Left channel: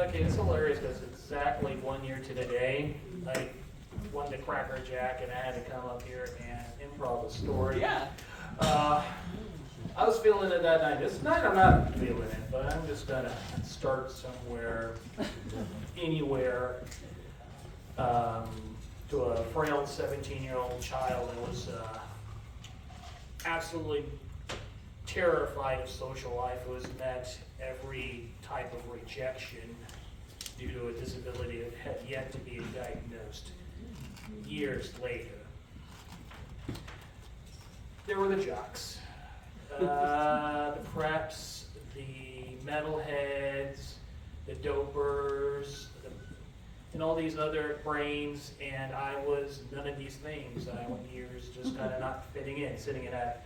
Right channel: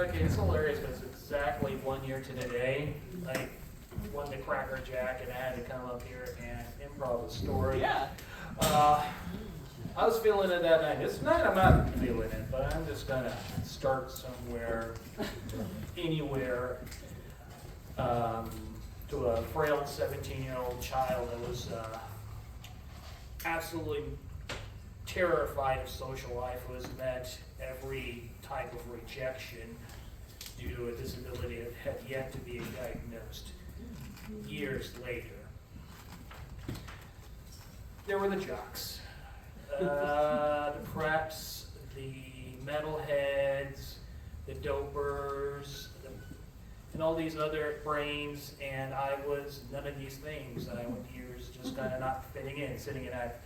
Okay, it's hilarious because exactly 1 year to the day, I won the Cracker Jack and I had to come up here and improv a story. Yeah. I was feeling it that night. This night I'm not feeling it, but I'm just gonna start somewhere, anywhere, to a frail 17-year-old child that was absolutely terrified of social life, who has met every type of rejection due to a disability that had yet to be diagnosed years later. There were the jocks, the preps, the metalheads, the dopers, and all these other brains, and I was none of these things. I went years just kind of not fitting in, sitting in that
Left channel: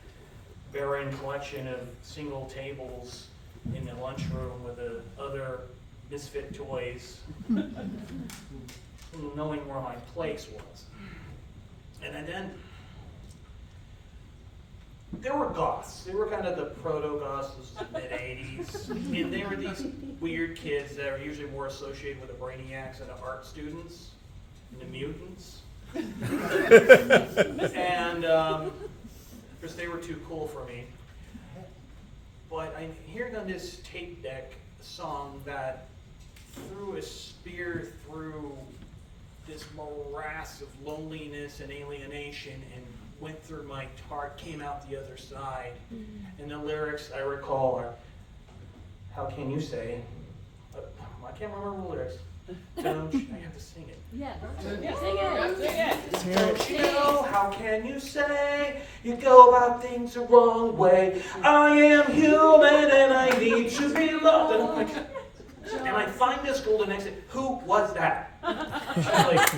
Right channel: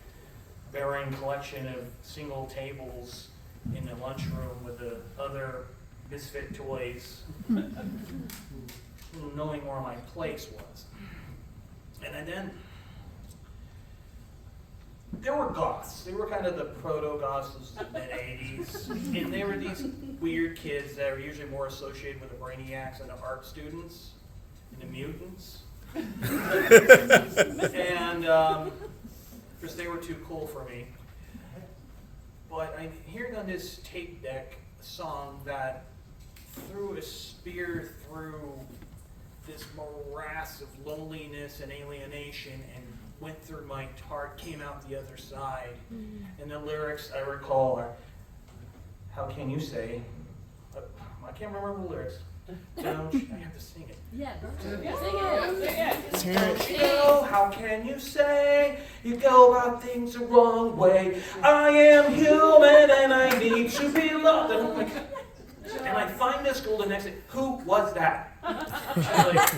barren collection of single tables in the lunchroom with the other misfit toys, knowing where my place was. And then there were goths. They were kind of the proto-goths of the mid-'80s. And they were these weird kids that were usually more associated with the brainiacs and the art students and the mutants. And of course, they were too cool for me. But I'm hearing on this tape deck a song that threw a spear through this morass of loneliness and alienation and went through my heart, came out the other side. And the lyrics I recall are, how can you say, I can't remember the lyrics. Don't you, I have to sing it. Yeah, Sing it. Don't you know, how can you say you go about things the wrong way? I am human and I need to be loved. And I'm like, and I find this girl the next day, who was that? I'm like,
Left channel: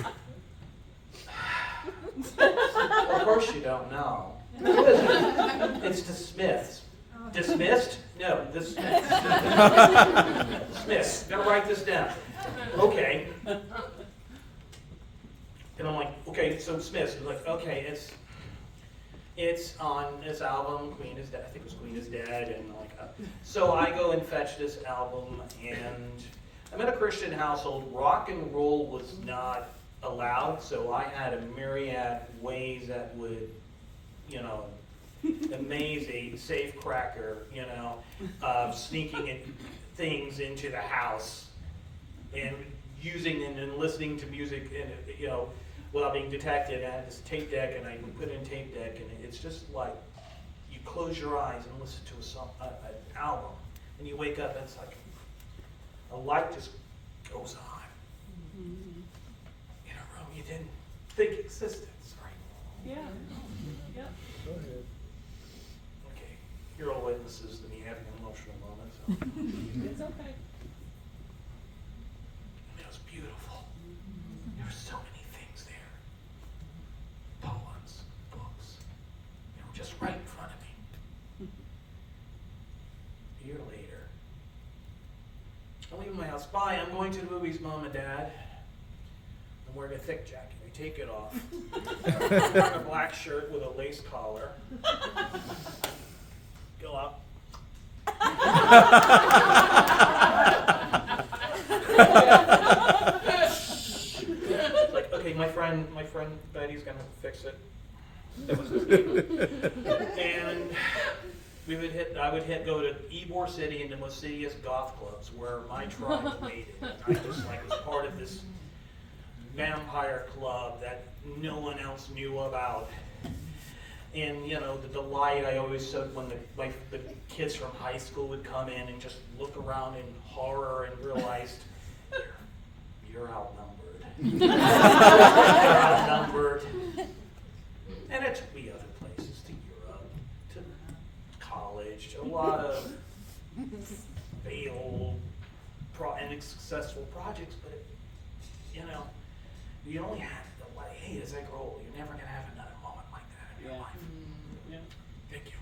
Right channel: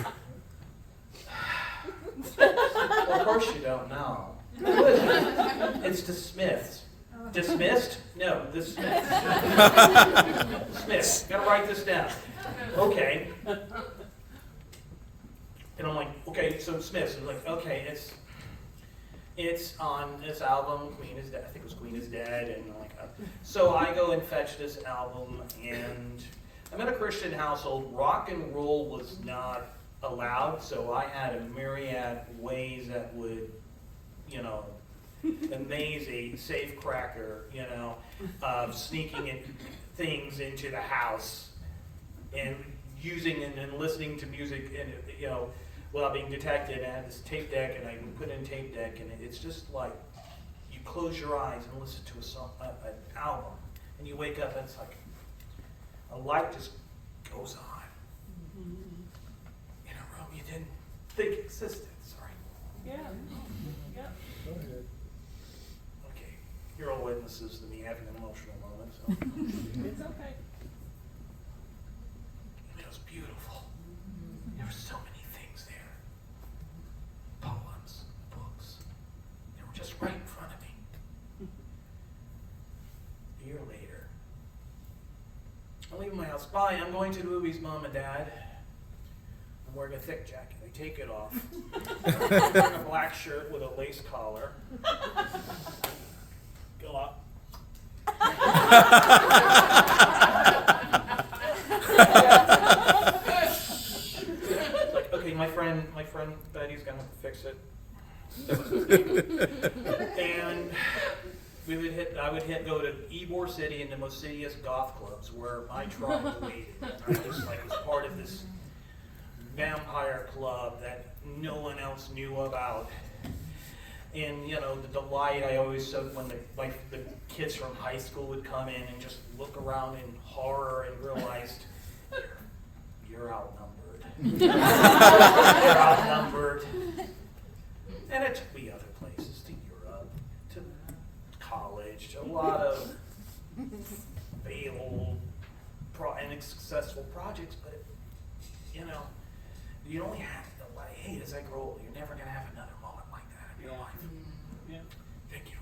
well, of course you don't know. It's the Smiths. Dismissed? No, the Smiths. Smiths. Gotta write this down. Okay. And I'm like, okay, so Smiths. And like, okay, it's on this album, Queen is Dead. I think it was Queen is Dead. And I'm like, so I go and fetch this album, and I'm in a Christian household. Rock and roll was not allowed, so I had a myriad ways that would, amaze a safe cracker, sneaking in things into the house and using and listening to music, and without being detected. I had this tape deck, and I would put in tape deck, and it's just like you close your eyes and listen to a song, an album, and you wake up and it's like a light just goes on in a room you didn't think existed. Sorry. Yeah. Yeah. Go ahead. Okay, you're all witnesses to me having an emotional moment. So. It's okay. It was beautiful. There were so many things there. Poems, books. They were just right in front of me. A year later, I'm leaving my house. Bye, I'm going to the movies, Mom and Dad. I'm wearing a thick jacket. I take it off. I'm wearing a black shirt with a lace collar. Go up. It's like, okay, my friend Betty's gonna have to fix it. That was his name. And I would go to Ybor City and the most insidious goth clubs where my tribe waited. And I just was part of this vampire club that no one else knew about. And the delight I always took when the kids from high school would come in and just look around in horror and realized you're outnumbered. You're outnumbered. And it took me other places, to Europe, to college, to a lot of failed and successful projects, but you only have the light. As I grow older, you're never going to have another moment like that in your life. Yeah. Thank you.